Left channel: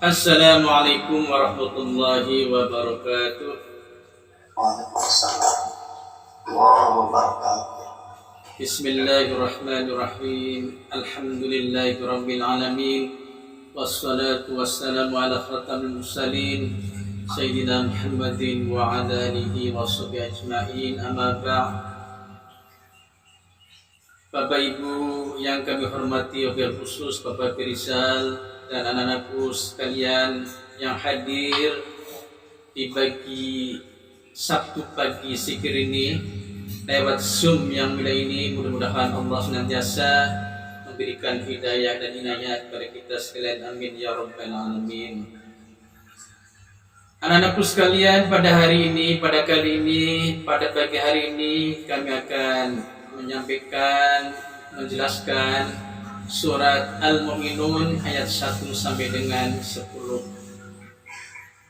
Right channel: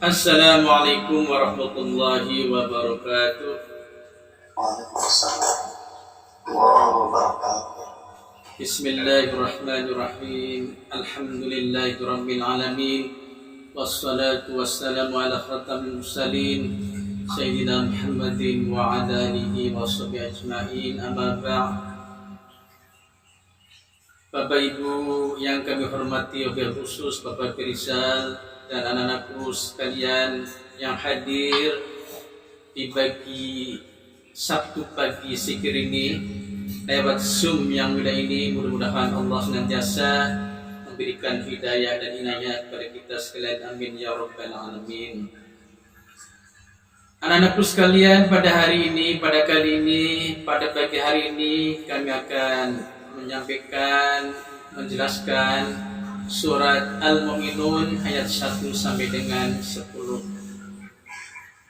Assalamualaikum warahmatullahi wabarakatuh. Waalaikumsalam warahmatullahi wabarakatuh. Bismillahirrahmanirrahim. Alhamdulillahi rabbil alamin. Wassalatu wassalamu ala khatamil mursalin Sayyidina Muhammadin wa ala alihi wa sahbihi ajma'in. Amma ba'd. Bapak Ibu yang kami hormati, wabil khusus Bapak Pirisal dan anak-anakku sekalian yang hadir di pagi Sabtu pagi sikir ini lewat Zoom yang mulia ini, mudah-mudahan Allah senantiasa memberikan hidayah dan inayah kepada kita sekalian, amin ya rabbal alamin. Anak-anakku sekalian, pada hari ini, pada kali ini, pada pagi hari ini kami akan menyampaikan, menjelaskan surat Al-Mu'minun ayat 1 sampai dengan 10.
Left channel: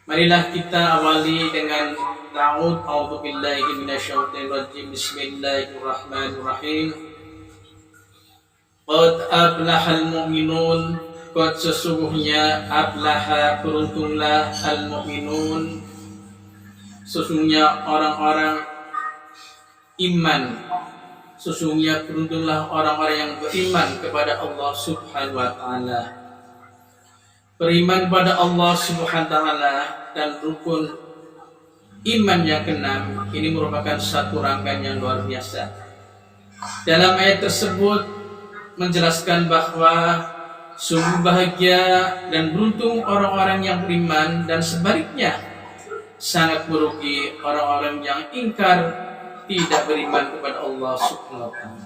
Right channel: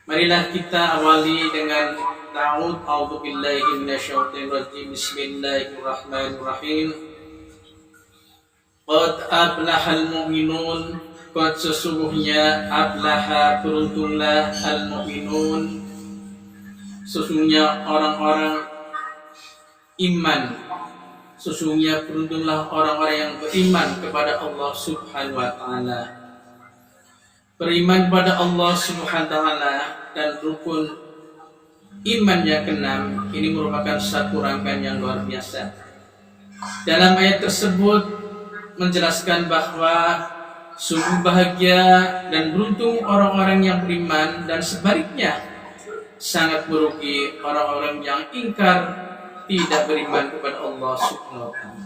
Marilah kita awali dengan ta'awud. A'udzubillahi minasyaitonir rajim. Bismillahirrahmanirrahim. Qad aflahal mu'minun. Qad sesungguhnya aflaha, beruntunglah, al-mu'minun, sesungguhnya orang-orang iman. Sesungguhnya beruntunglah orang-orang yang beriman kepada Allah Subhanahu wa ta'ala. Beriman kepada Allah Subhanahu wa ta'ala dan rukun iman yang keenam ini merupakan satu rangkaian yang luar biasa. Dalam ayat tersebut menjelaskan bahwa sungguh bahagia dan beruntung orang-orang yang beriman, dan sebaliknya sangat merugi orang-orang yang ingkar, tidak beriman kepada Allah Subhanahu wa ta'ala.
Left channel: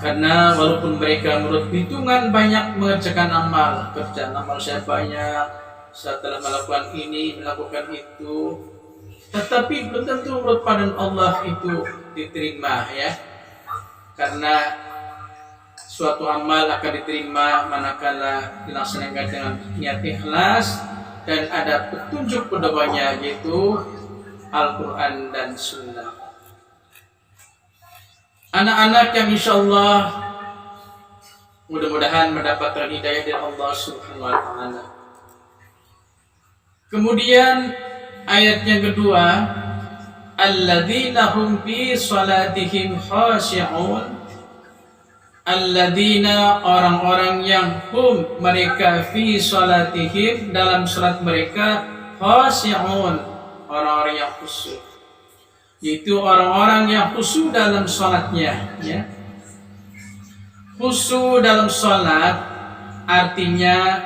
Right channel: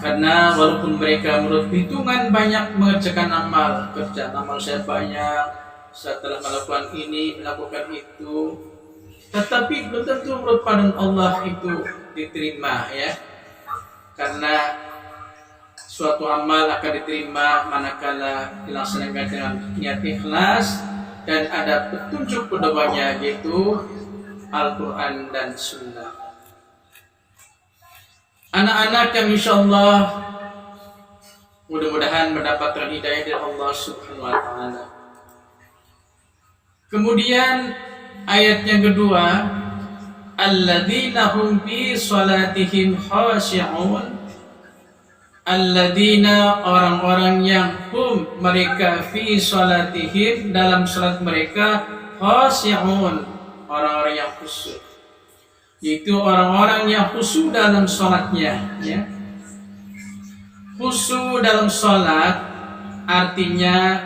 Karena walaupun mereka menurut hitungan banyak mengerjakan amal, kerjaan amal saya banyak, saya telah melakukan ini, melakukan itu, tetapi belum tentu menurut pandangan Allah itu diterima, ya. Karena suatu amal akan diterima manakala dilaksanakan dengan niat ikhlas dan ada petunjuk pedomannya, yaitu Al-Quran dan Sunnah. Anak-anak yang insya Allah mudah-mudahan mendapatkan hidayah dari Allah Subhanahu wa ta'ala. Kemudian ayat yang kedua, alladzina hum fi salatihim khashi'un. Alladzina, orang-orang yang hum, mereka, fi salatihim, dalam salat mereka, khashi'un, orang-orang yang khusyuk, yaitu orang-orang yang khusyuk dalam salatnya, ya. Khusyuk dalam salat artinya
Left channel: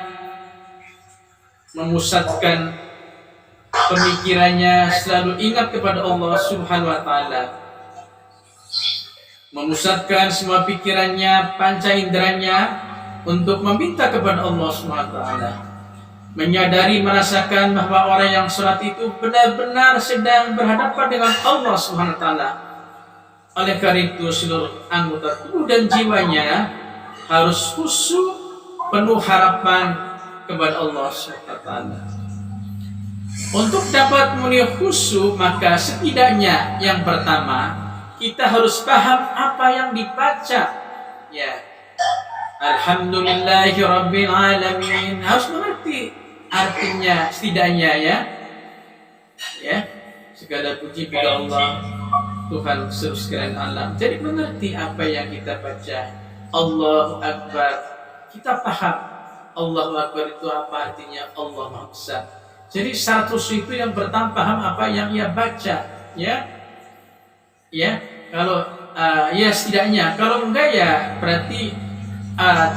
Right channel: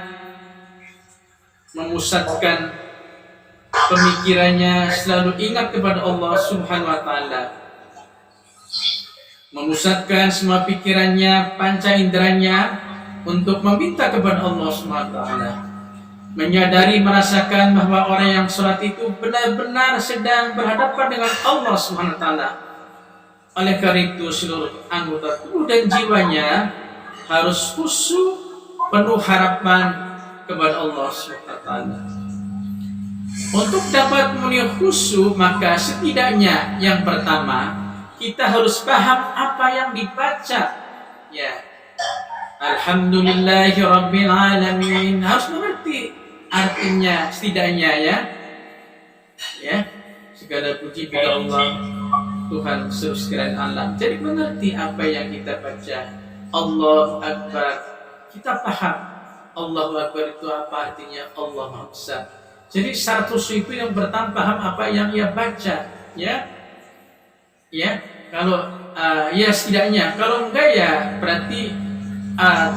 memusatkan pemikirannya selalu ingat kepada Allah Subhanahu wa ta'ala, memusatkan semua pikirannya, panca inderanya untuk meminta kepada Allah Subhanahu wa ta'ala, menyadari, merasakan bahwa orang yang sholat itu benar-benar sedang berhadapan dengan Allah Subhanahu wa ta'ala. Oleh karena itu seluruh anggota tubuh dan jiwanya harus khusyuk, penuh harapan kepada Allah Subhanahu wa ta'ala. Untuk dapat memenuhi khusyuk, maka setidaknya yang pertama kita harus paham apa yang dibaca, ya. Alhamdulillahi rabbil alamin, harus mengerti artinya setidaknya, ya. Segala puji bagi Allah, Tuhan seluruh sekalian alam. Jadi mengerti apa yang kita baca. Allahu Akbar, kita paham Allahu Akbar itu apa artinya, Allah Maha Besar. Jadi syarat khusyuk itu yang pertama paham apa yang ia baca, ya. Kalau ya setidaknya, kalau enggak ya berarti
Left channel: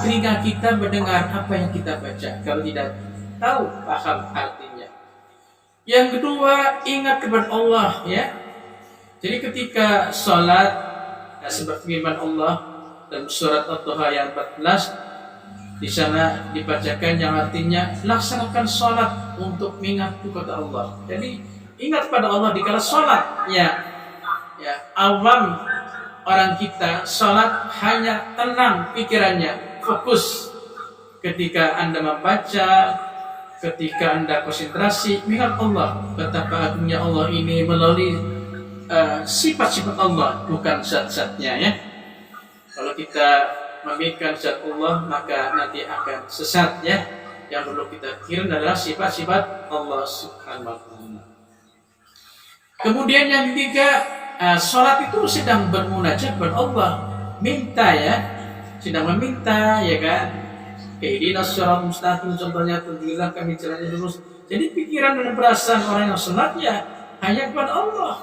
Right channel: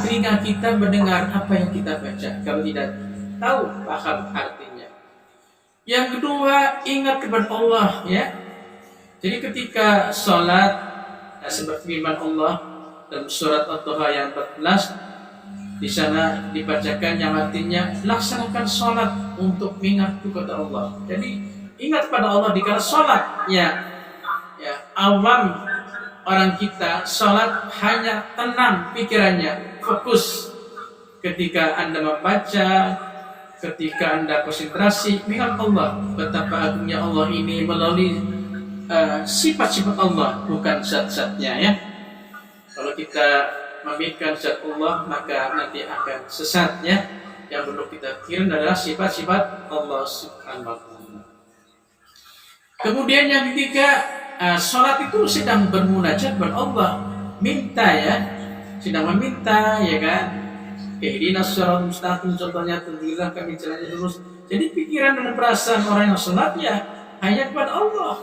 telinga kita mendengar apa yang kita baca, kalau tidak tahu paham artinya. Yang kedua, ingat kepada Allah, ya. Jadi ketika sholat, seperti firman Allah dalam surat At-Taha yang 14, di sana dibacakan yang artinya laksanakan sholat untuk mengingat kepada Allah. Jadi ingat pada Allah dikala sholat, ya. Awam orang kita sholat hanya tenang pikirannya, fokus. Ketika Anda membaca, ketika Anda konsentrasi, ingat Allah, betapa agungnya Allah ini melalui sifat-sifat Allah, bukan zat-zatnya, ya. Kalau kita memikirkan zat Allah, maka nanti akan sesat, ya. yang perlu kita pikirin adalah sifat-sifat Allah Subhanahu wa taala. Kemudian yang ketiga, salat itu sedang bermunajat kepada Allah, minta ya, sedang meminta ya kan. Ihdinas shiratal mustaqim, contohnya tunjukkanlah kami jalan yang lurus. Jadi pikiran dan perasaan orang yang salat ya hanya kepada Allah.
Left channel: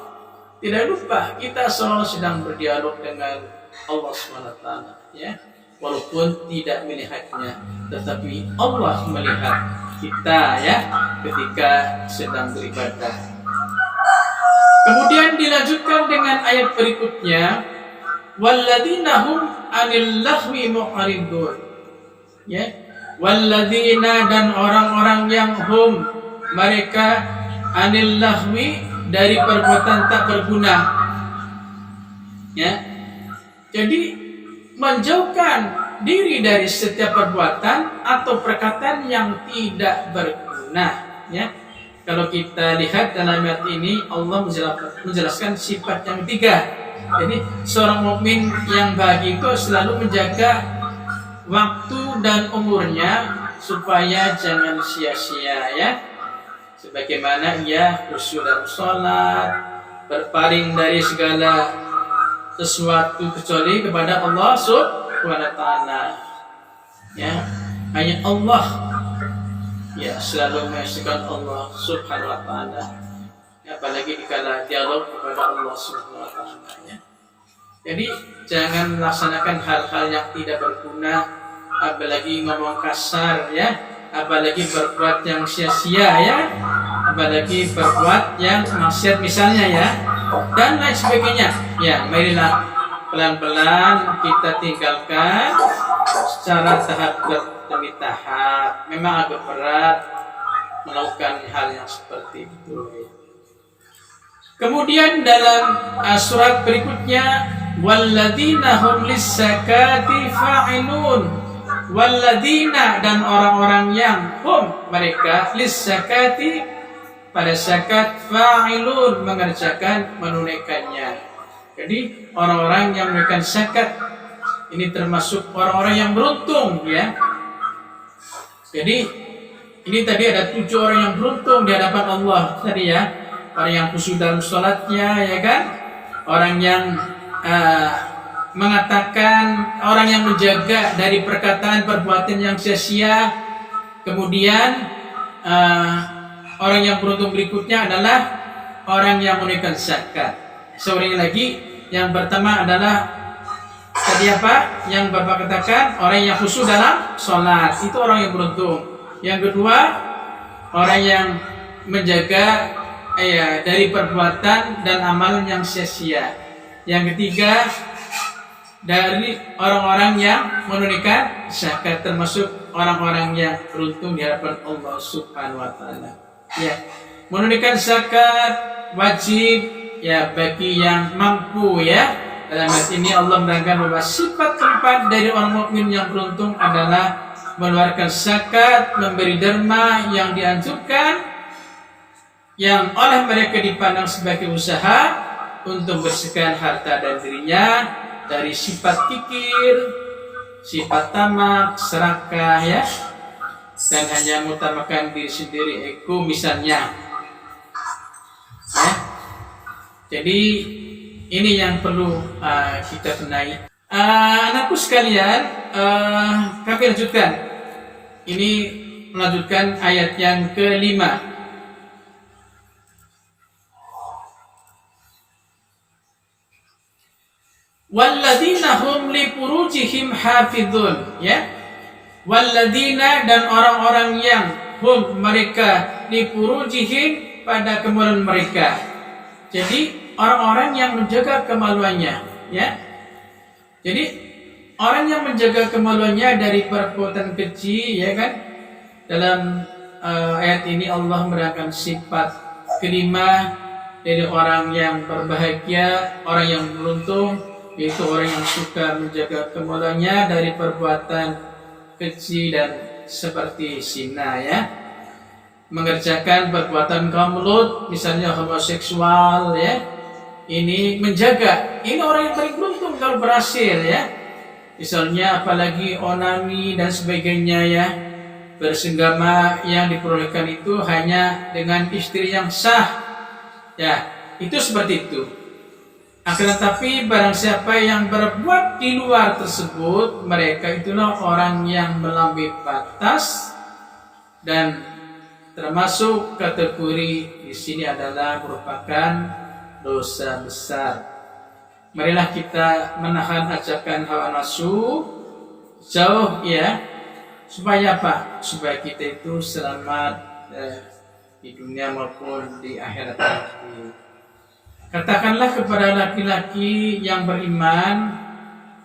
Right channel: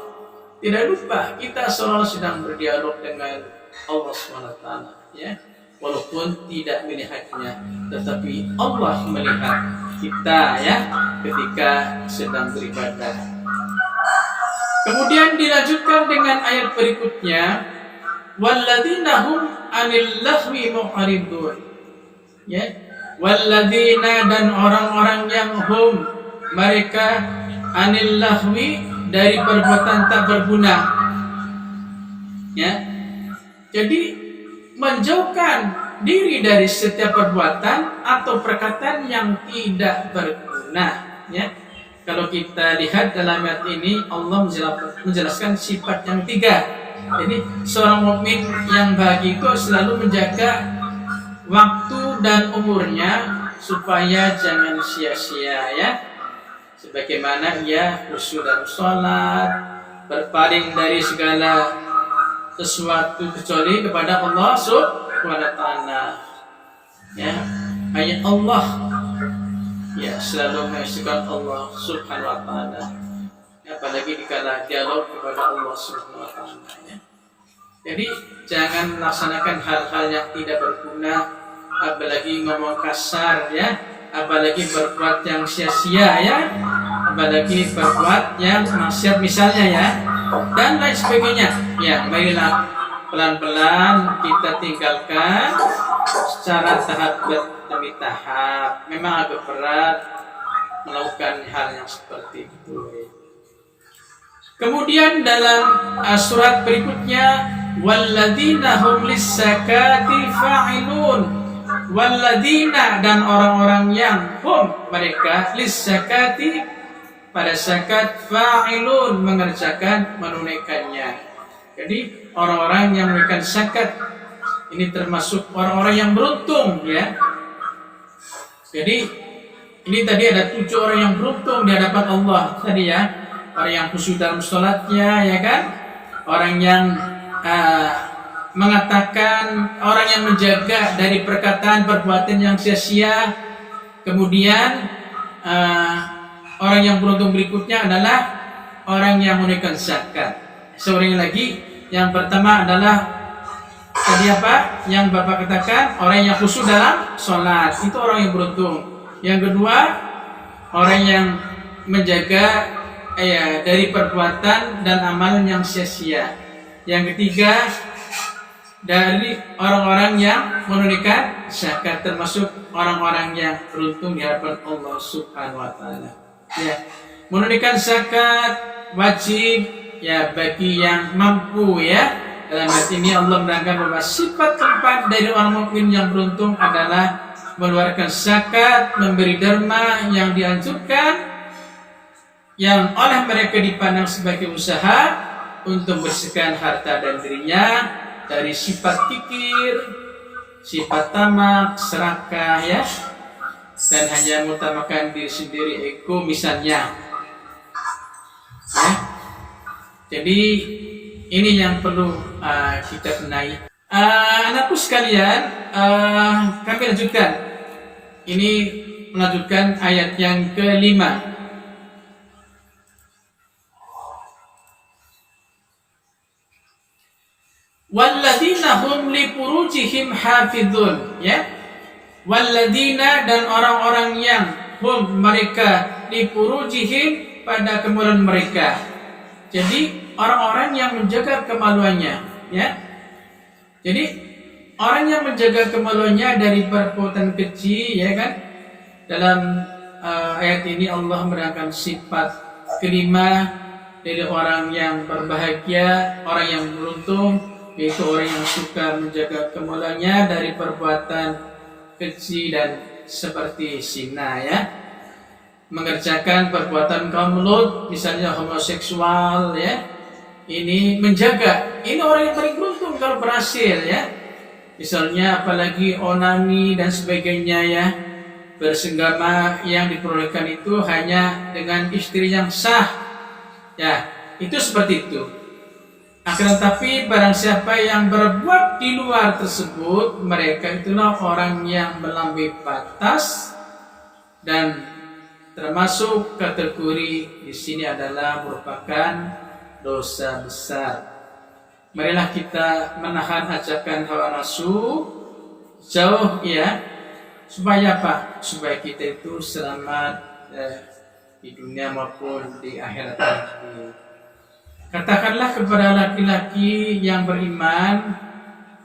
Tidak lupa kita selalu sedang berdialog dengan Allah Subhanahu wa taala ya. Walaupun tidak melihatnya, tetapi Allah melihat kita ya ketika sedang beribadah. Kemudian dilanjutkan dengan ayat berikutnya, walladzina hum 'anil lahwi mu'ridun. Ya, walladzina, dan orang-orang yang hum mereka 'anil lahwi, dari perbuatan tak berguna. Ya. Jadi menjauhkan diri dari setiap perbuatan atau perkataan yang tidak berguna ya. Kalau kita lihat dalam ayat ini Allah menjelaskan sifat yang ketiga. Jadi seorang mukmin yang bahagia itu selalu menjaga waktu dan umurnya supaya jangan sia-sia ya. Sebagaimana ia khusyuk dalam sholat, berpaling dari segala sesuatu kecuali kepada Allah Subhanahu wa taala. Ya, hanya Allah ya selalu mengesahkan Allah Subhanahu wa taala. Apalagi dikala dialog kepada Allah Subhanahu wa taala ya. Jadi jangan melaksanakan hal-hal yang tidak berguna, apalagi ngomong kasar ya, apalagi berbuat yang sia-sia ya, apalagi berbuat yang maksiat misalnya ya, dan lain sebagainya. Ya, marilah pelan-pelan kita tinggalkan secara tahap demi tahap. Memang agak berat melakukan hal yang seperti itu. Kemudian dalam surat berikutnya, walladzina hum lis-zakati fa'ilun. Walladzina, dan orang-orang yang hum mereka lis-zakati, pada zakat fa'ilun, mengerjakan, menunaikannya. Jadi orang-orang yang menunaikan zakat ini termasuk orang-orang yang beruntung ya. Jadi ini tadi ada 7 orang yang beruntung di hadapan Allah tadi ya. Orang yang khusyuk dalam sholatnya ya kan. Orang yang mengatakan, orang yang menjaga dari perkataan perbuatan yang sia-sia. Kemudian orang yang beruntung berikutnya adalah orang yang menunaikan zakat. Seorang lagi yang pertama adalah tadi apa? Yang Bapak katakan, orang yang khusyuk dalam sholat, itu orang yang beruntung. Yang kedua, orang yang menjaga dari perbuatan dan amalan yang sia-sia. Yang ketiga, dari orang-orang yang menunaikan zakat, termasuk orang-orang yang beruntung di hadapan Allah Subhanahu wa taala. Ya, menunaikan zakat wajib ya bagi yang mampu ya. Dalam ayat ini Allah menerangkan bahwa sifat keempat dari orang mukmin yang beruntung adalah mengeluarkan zakat, memberi derma yang dianjurkan, yang oleh mereka dipandang sebagai usaha untuk bersihkan harta dan dirinya dari sifat kikir, sifat tamak, serakah ya, dan hanya mengutamakan diri sendiri, ego misalnya ya. Jadi ini yang perlu kita benahi. Anakku sekalian, kami lanjutkan. Ini melanjutkan ayat yang kelima. Walladzina hum li furujihim hafizun ya. Walladzina, dan orang-orang yang hum mereka li furujihim, pada kemaluan mereka. Jadi orang-orang yang menjaga kemaluannya ya. Jadi orang yang menjaga kemaluannya dari perbuatan keji ya kan. Dalam ayat ini Allah menerangkan sifat kelima dari orang yang berbahagia, orang yang beruntung, yaitu orang yang suka menjaga kemaluannya dari perbuatan keji dan seperti zina ya. Mengerjakan perbuatan kaum mulut, misalnya homoseksual ya. Ini menjaga. Ini orang yang paling beruntung kalau berhasil ya. Misalnya apalagi onani dan sebagainya ya. bersenggama yang diperolehkan itu hanya dengan istri yang sah. Ya, itu seperti itu. Akan tetapi barang siapa yang berbuat di luar tersebut, mereka itulah orang yang melampaui batas, dan termasuk kategori di sini adalah merupakan dosa besar. Marilah kita menahan ajakan hawa nafsu jauh, ya, supaya apa? Supaya kita itu selamat di dunia maupun di akhirat nanti. Katakanlah kepada laki-laki yang beriman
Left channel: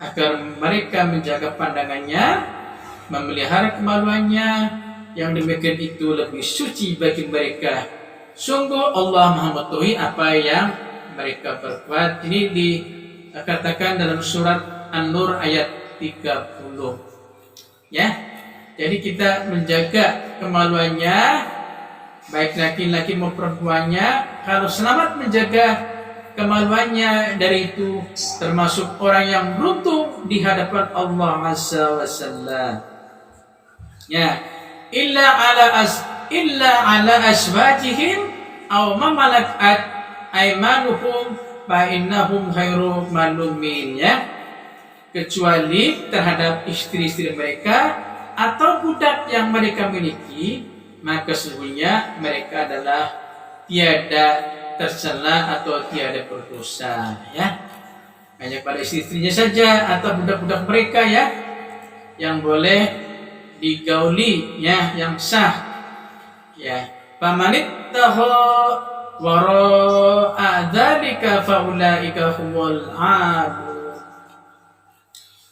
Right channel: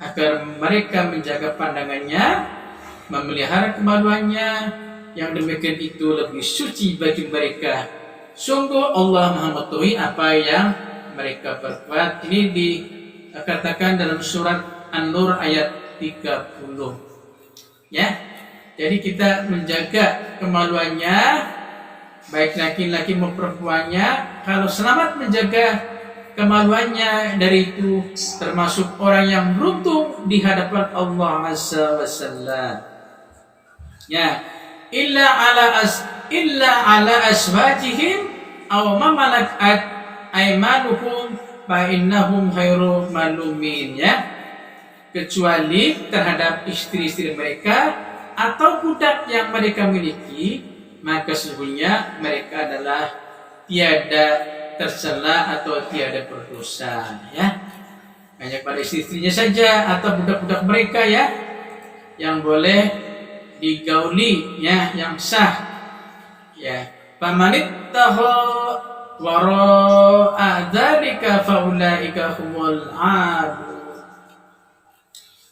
agar mereka menjaga pandangannya, memelihara kemaluannya, yang demikian itu lebih suci bagi mereka. Sungguh Allah Maha mengetahui apa yang mereka berbuat. Ini dikatakan dalam surat An-Nur ayat 30. Ya. Jadi kita menjaga kemaluannya, baik laki-laki maupun perempuannya. Kalau selamat menjaga kemaluannya, dari itu termasuk orang yang beruntung di hadapan Allah Azza wa Jalla. Ya, illa ala aswajihim aw ma malakat aymanuhum fa innahum khairu malumin, ya. Kecuali terhadap istri-istri mereka atau budak yang mereka miliki, maka sesungguhnya mereka adalah tiada tercela atau tiada berdosa, ya. Hanya pada istri-istrinya saja atau budak-budak mereka, ya, yang boleh digauli, ya, yang sah, ya. Famanittahu wara'a dzalika faulaika humul aadun.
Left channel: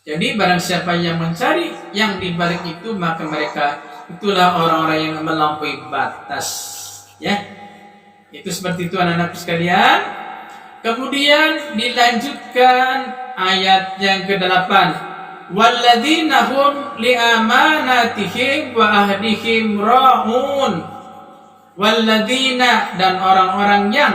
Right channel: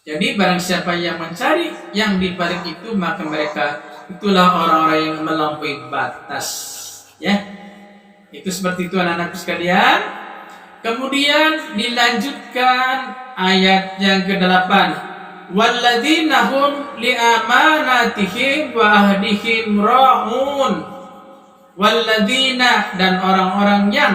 Jadi barang siapa yang mencari yang di balik itu, maka mereka itulah orang-orang yang melampaui batas, ya. Itu seperti itu anak-anak sekalian. Kemudian dilanjutkan ayat yang ke-8. Walladzina hum liamanatihim wa ahdihim ra'un. Walladzina, dan orang-orang yang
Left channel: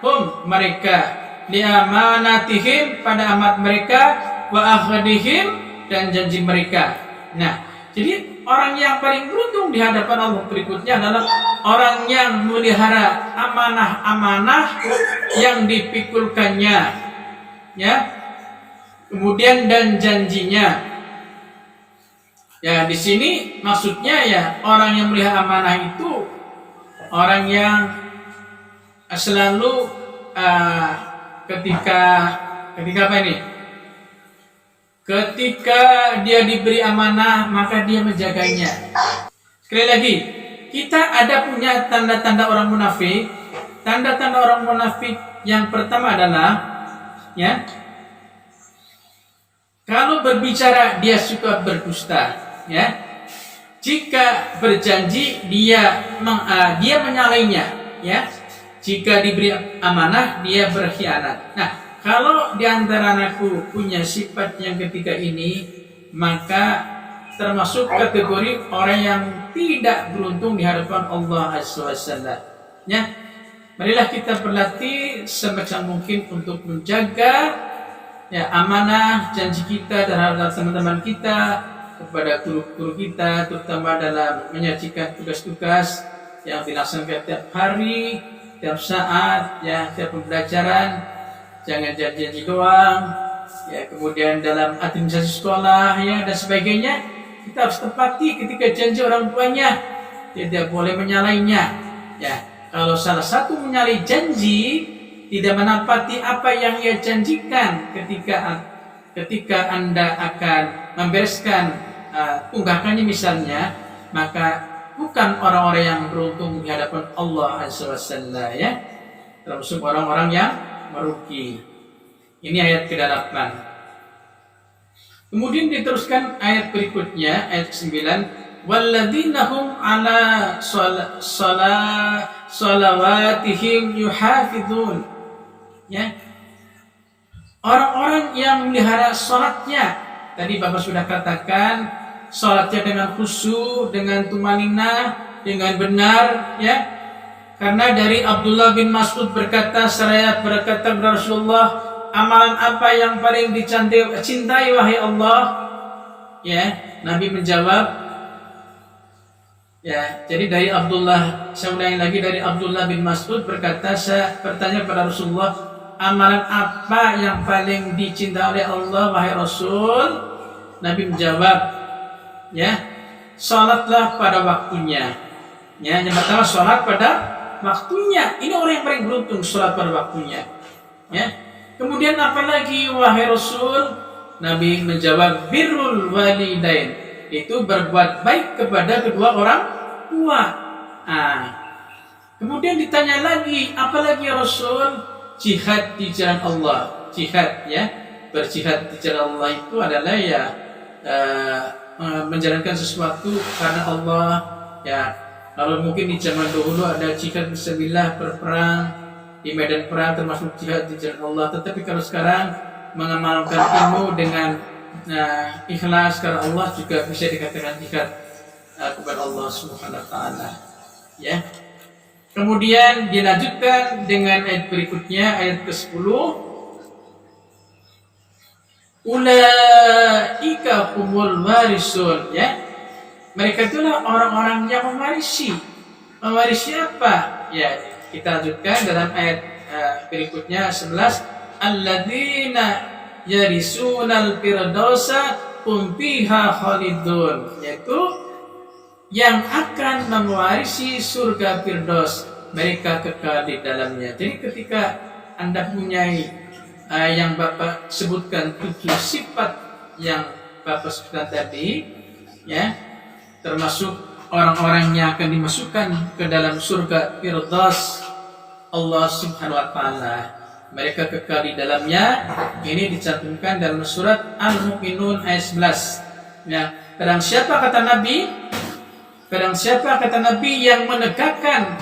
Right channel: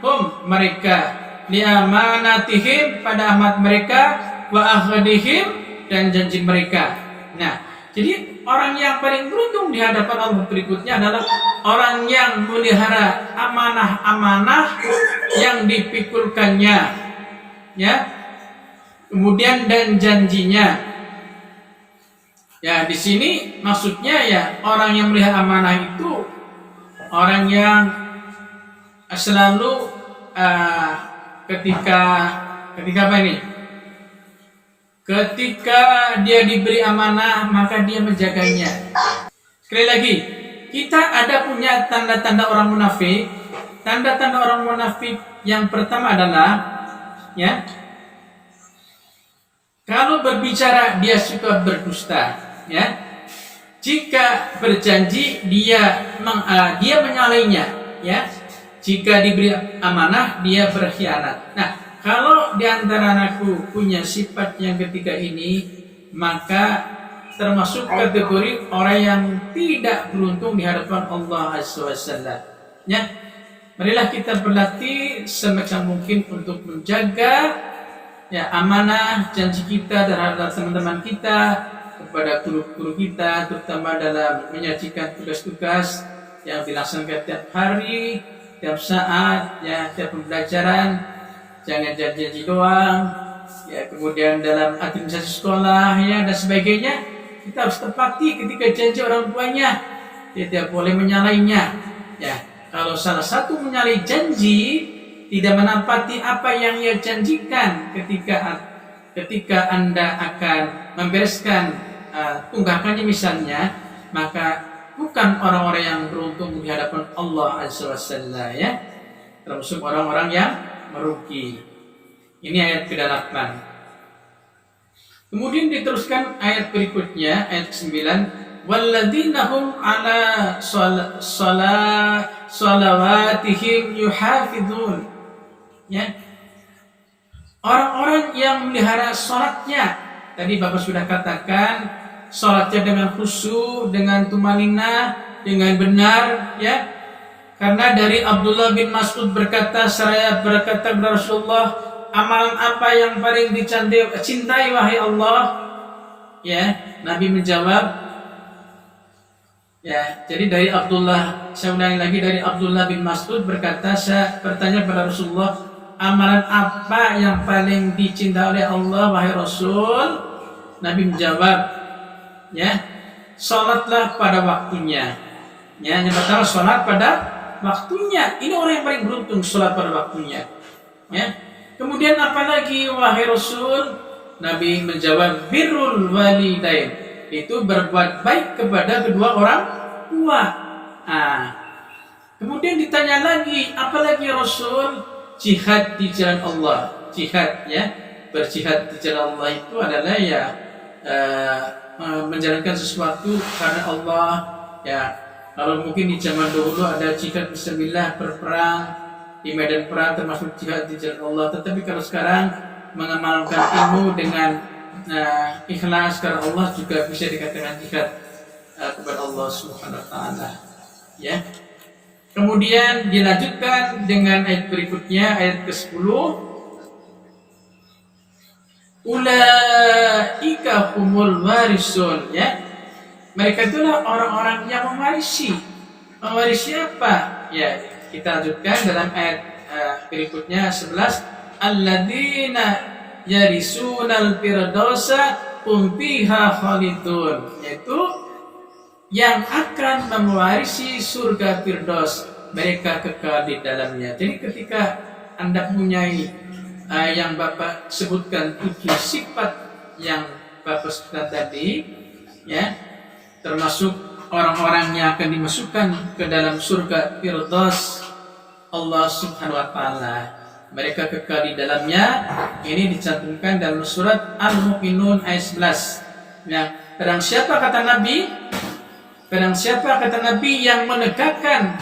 hum mereka liamanatihim pada amanat mereka, wa ahdihim dan janji mereka. Nah, jadi orang yang paling beruntung di hadapan Allah berikutnya adalah orang yang memelihara amanah-amanah yang dipikulkannya, ya. Kemudian dan janjinya. Ya, di sini maksudnya, ya, orang yang memelihara amanah itu orang yang selalu ketika apa ini? Ketika dia diberi amanah, maka dia menjaganya. Sekali lagi, kita ada punya tanda-tanda orang munafik. Tanda-tanda orang munafik yang pertama adalah, ya, kalau berbicara dia suka berdusta, ya. Jika berjanji dia menyalahnya, ya. Jika diberi amanah dia berkhianat. Nah, kalau di antara anakku punya sifat yang ketiga ini, maka termasuk kategori orang yang tidak beruntung di hadapan Allah Azza wa Jalla. Ya, marilah kita berlatih semacam mungkin untuk menjaga, ya, amanah janji kita terhadap teman-teman kita, kepada guru-guru kita, terutama dalam menyajikan tugas-tugas yang dilaksanakan tiap hari, tiap saat, ya, tiap pembelajaran. Jangan janji-janji doang, ya. Kemudian dalam administrasi sekolah, ya, dan sebagainya, kita harus tepati ketika janji orang tuanya, tidak boleh menyalahnya, ya. Kalau salah satu menyalahi janji, tidak menepati apa yang ia janjikan ketika Anda akan membereskan tunggakannya misalnya, maka bukan orang-orang yang beruntung di hadapan Allah Azza wa Jalla, ya. Termasuk orang-orang yang merugi. Ini ayat ke-8. Kemudian diteruskan ayat berikutnya, ayat ke-9. Walladzina hum ala salawatihim yuhafizun. Ya. Orang-orang yang memelihara salatnya. Tadi Bapak sudah katakan, salatnya dengan khusyuk, dengan tumaninah, dengan benar, ya. Karena dari Abdullah bin Mas'ud berkata, saya berkata kepada Rasulullah, amalan apa yang paling cintai wahai Allah? Ya, Nabi menjawab, Ya, jadi dari Abdullah, saya ulangi lagi, dari Abdullah bin Mas'ud berkata, saya bertanya kepada Rasulullah, amalan apa yang paling dicintai oleh Allah wahai Rasul? Nabi menjawab, ya, salatlah pada waktunya. Ya, yang pertama salat pada waktunya. Ini orang yang paling beruntung, salat pada waktunya. Ya. Kemudian apa lagi wahai Rasul? Nabi menjawab, birrul walidain. Itu berbuat baik kepada kedua orang tua. Kemudian ditanya lagi, apalagi ya Rasul? Jihad di jalan Allah. Jihad, ya, berjihad di jalan Allah itu adalah ya menjalankan sesuatu karena Allah. Ya, kalau mungkin di zaman dahulu ada jihad fisabilillah, berperang di medan perang termasuk jihad di jalan Allah. Tetapi kalau sekarang mengamalkan ilmu dengan ikhlas karena Allah juga bisa dikatakan jihad kepada Allah Subhanahu wa taala. Ya. Kemudian dilanjutkan dengan ayat berikutnya, ayat ke-10. Ulaika humul warisun, ya. Mereka itulah orang-orang yang mewarisi. Mewarisi apa? Ya, kita lanjutkan dalam ayat berikutnya 11. Alladzina yarisunal firdausa hum fiha khalidun, yaitu yang akan mewarisi surga Firdaus, mereka kekal di dalamnya. Jadi ketika Anda punya yang Bapak sebutkan 7 sifat yang Bapak sebutkan tadi, ya, termasuk orang-orang yang akan dimasukkan ke dalam surga Firdaus Allah Subhanahu wa taala, mereka kekal di dalamnya. Ini dicantumkan dalam surat Al-Mu'minun ayat 11. Ya, barang siapa kata Nabi yang menegakkan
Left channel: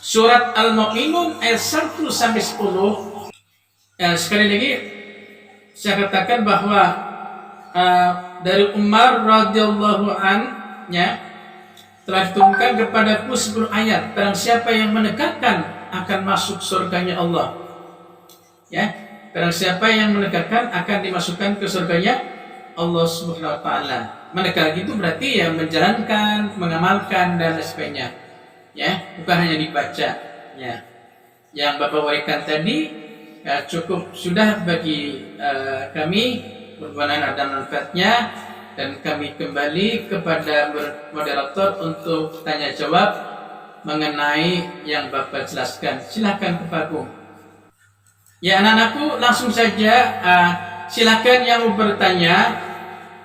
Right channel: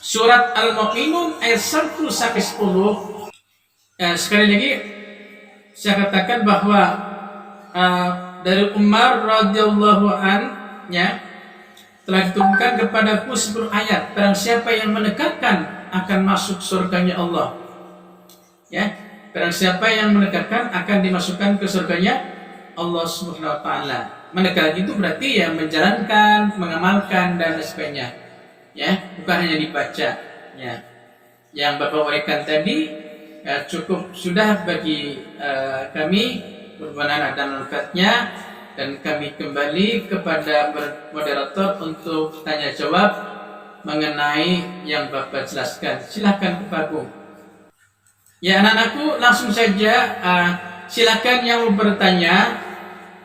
surat Al-Mu'minun ayat 1 sampai 10. Ya, sekali lagi saya katakan bahwa dari Umar radhiyallahu anhu telah diturunkan kepadaku 10 ayat. Barang siapa yang menegakkan akan masuk surganya Allah. Ya, barang siapa yang menegakkan akan dimasukkan ke surganya Allah Subhanahu wa taala. Menegak itu berarti ya menjalankan, mengamalkan dan sebagainya. Ya, bukan hanya dibaca. Ya. Yang Bapak uraikan tadi ya cukup sudah bagi kami, bermanfaat dan manfaatnya, dan kami kembali kepada moderator untuk tanya jawab mengenai yang Bapak jelaskan. Silakan Bapak Agung. Ya, anak-anakku, langsung saja silakan yang mau bertanya.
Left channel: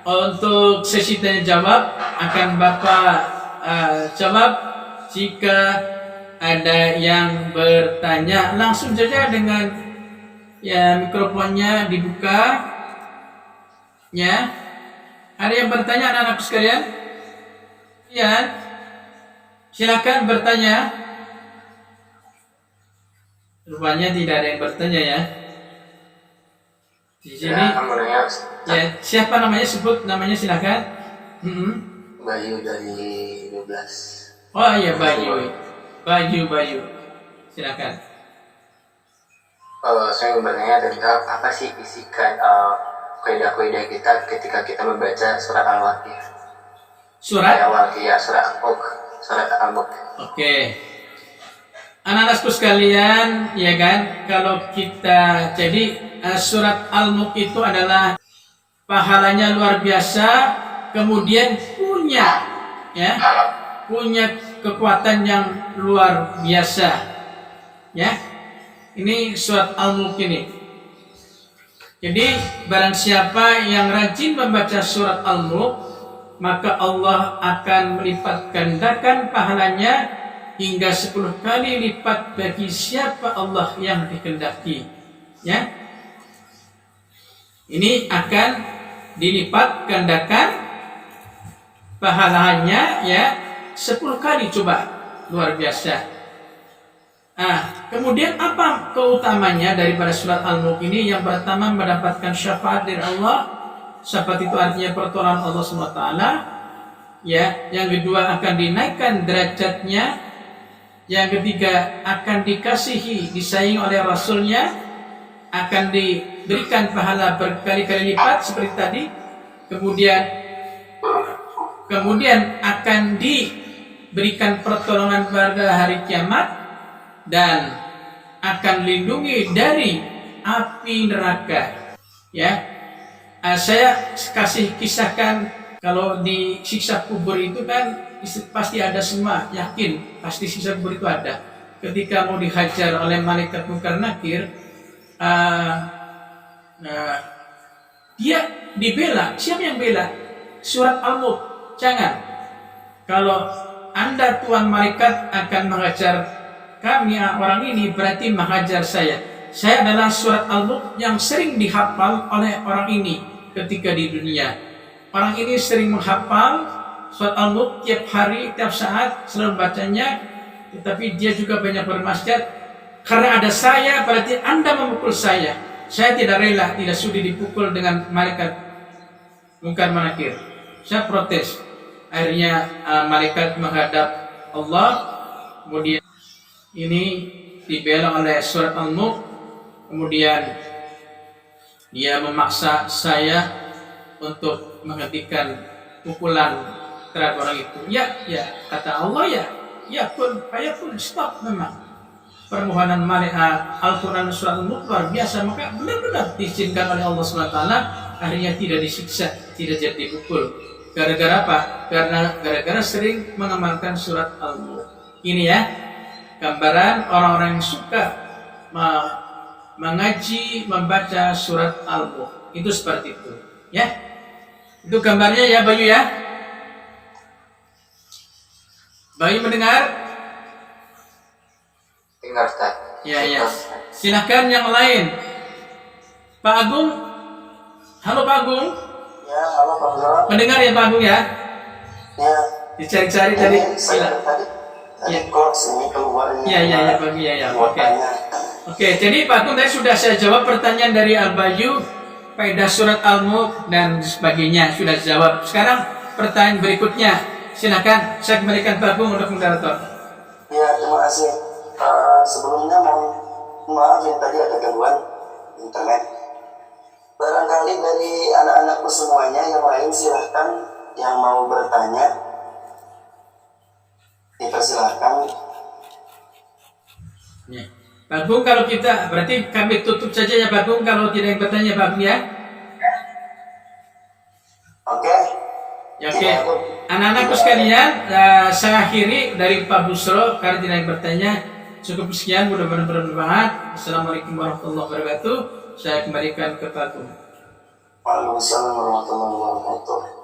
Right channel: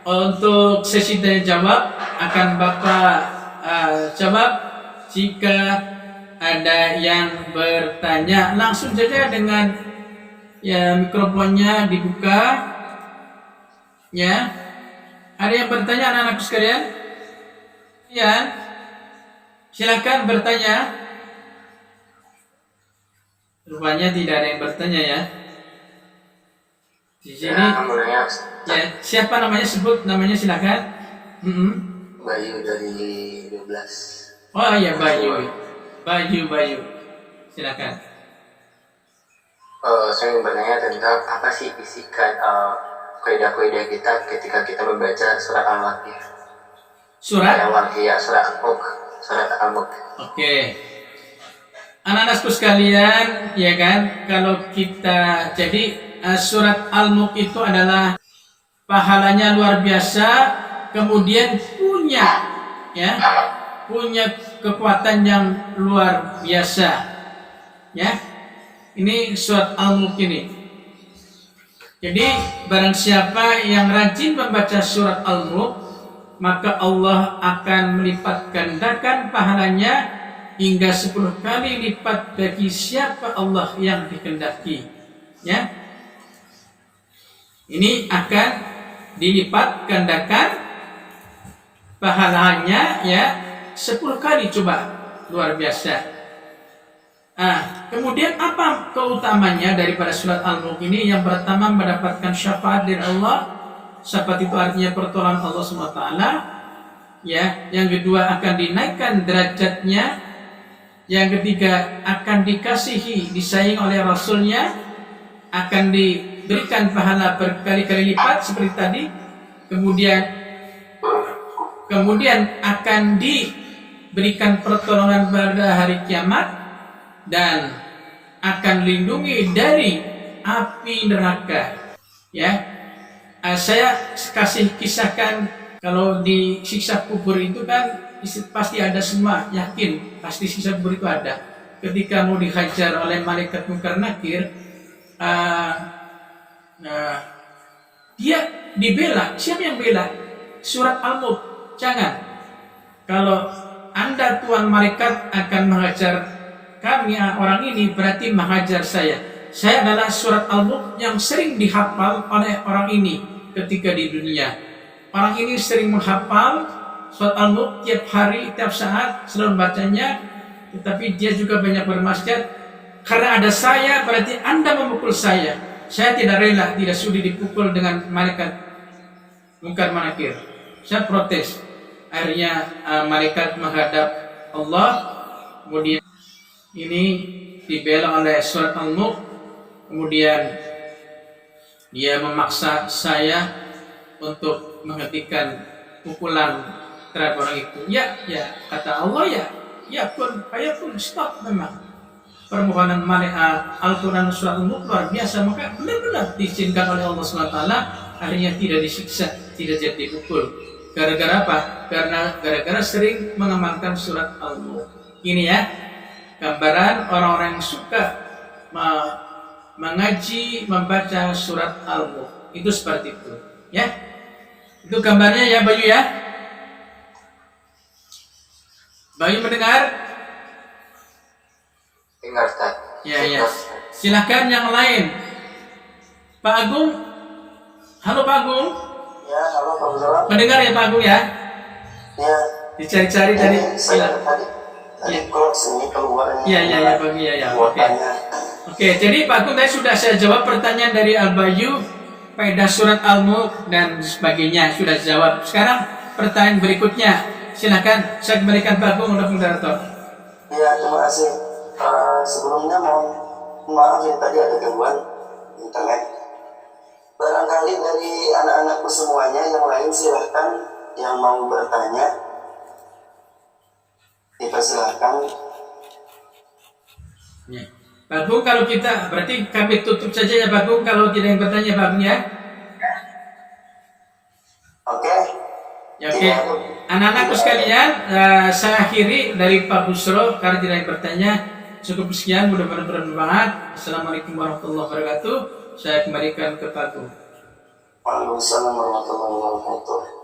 Untuk sesi tanya jawab akan Bapak jawab. Jika ada yang bertanya, langsung saja dengan ya mikrofonnya dibuka. Ya, ada yang bertanya anak-anakku sekalian? Ya, silakan bertanya. Rupanya tidak ada yang bertanya ya. Di sini. Ya, siapa namanya? Sebut namanya, silakan. Bayu dari 12. Oh iya, Bayu. Bayu. Silakan. Saya ingin bertanya tentang apa sih isi kaidah-kaidah kita ketika kita membaca surat Al-Waqiah. Surat Al-Waqiah, surat Al-Mulk. Oke. Anak-anakku sekalian, ya kan, kalau kita jadi surat Al-Mulk itu adalah pahalanya luar biasa, kemudian punya kekuatan yang luar biasa. Ya. Ini surat Al-Mulk ini. Jadi barang siapa yang rajin membaca surat Al-Mulk, maka Allah akan melipat gandakan pahalanya hingga 10 kali lipat bagi siapa Allah yang dikehendaki. Ya. Ini akan dilipat gandakan pahalanya ya 10 kali, coba, luar biasa. Kemudian apa keutamanya daripada surat Al-Mulk ini? Yang pertama, mendapatkan syafaat dari Allah. Syafaat itu artinya pertolongan Allah SWT. Ya, yang kedua akan dinaikkan derajatnya. Yang ketiga akan dikasihi, disayangi oleh Rasulnya, akan diberikan pahala berkali-kali lipat seperti tadi. Kemudian kemudian akan diberikan pertolongan pada hari kiamat dan akan lindungi dari api neraka. Ya, saya kasih kisahkan kalau di siksa kubur itu kan pasti ada semua, yakin pasti siksa kubur itu ada. Ketika mau dihajar oleh malaikat Munkar Nakir, dia dibela. Siapa yang bela? Surat Al-Mulk. Jangan. Kalau Anda tuan malaikat akan menghajar kami orang ini, berarti menghajar saya. Saya adalah surat Al-Mulk yang sering dihafal oleh orang ini ketika di dunia. Orang ini sering menghafal surat Al-Mulk tiap hari, tiap saat, selalu bacanya. Tetapi dia juga banyak bermaksiat. Karena ada saya, berarti Anda memukul saya. Saya tidak rela, tidak sudi dipukul dengan malaikat Munkar Nakir. Saya protes. Akhirnya malaikat menghadap Allah. Kemudian ini dibela oleh surat Al-Mulk. Kemudian dia memaksa saya untuk menghentikan pukulan terhadap orang itu. Ya, kata Allah, ya pun, stop memang. Permohonan Al-Quran surat Al-Mulk luar biasa, maka benar-benar diizinkan oleh Allah SWT. Akhirnya tidak disiksa, tidak jadi dipukul. Gara-gara apa? Gara-gara sering mengamalkan surat Al-Mulk. Ini ya, gambaran orang-orang yang suka mengaji, membaca surat Al-Mulk. Itu seperti itu. Ya, itu gambarnya ya Bayu ya. Bayu mendengar? Dengar, Ustaz. Ya. Silahkan yang lain. Pak Agung. Halo Pak Agung. Ya, halo Pak Buzara. Mendengar ya Pak Agung ya? Ya. Dicari-cari tadi. Saya tadi kok sini keluar ini. Iya Pak Agung ya. Oke, jadi Pak Agung tadi sudah saya jawab pertanyaan dari Al Bayu, faedah surat Al-Mulk dan sebagainya sudah jawab. Sekarang pertanyaan berikutnya. Silahkan saya kembalikan Pak Agung untuk moderator. Ya, terima kasih. Sebelumnya mohon maaf yang tadi ada gangguan internet. Barangkali dari anak-anakku semuanya yang lain silahkan yang mau bertanya dipersilahkan. Ya. Pak Agung, kalau kita berarti kami tutup saja ya Pak Agung kalau tidak yang bertanya Pak Agung ya. Oke. Ya, oke. Anak-anakku sekalian, saya akhiri dari Pak Busro karena tidak yang bertanya. Cukup sekian, mudah-mudahan bermanfaat. Assalamualaikum warahmatullahi wabarakatuh. Saya kembalikan ke Pak Agung. Waalaikumsalam warahmatullahi wabarakatuh.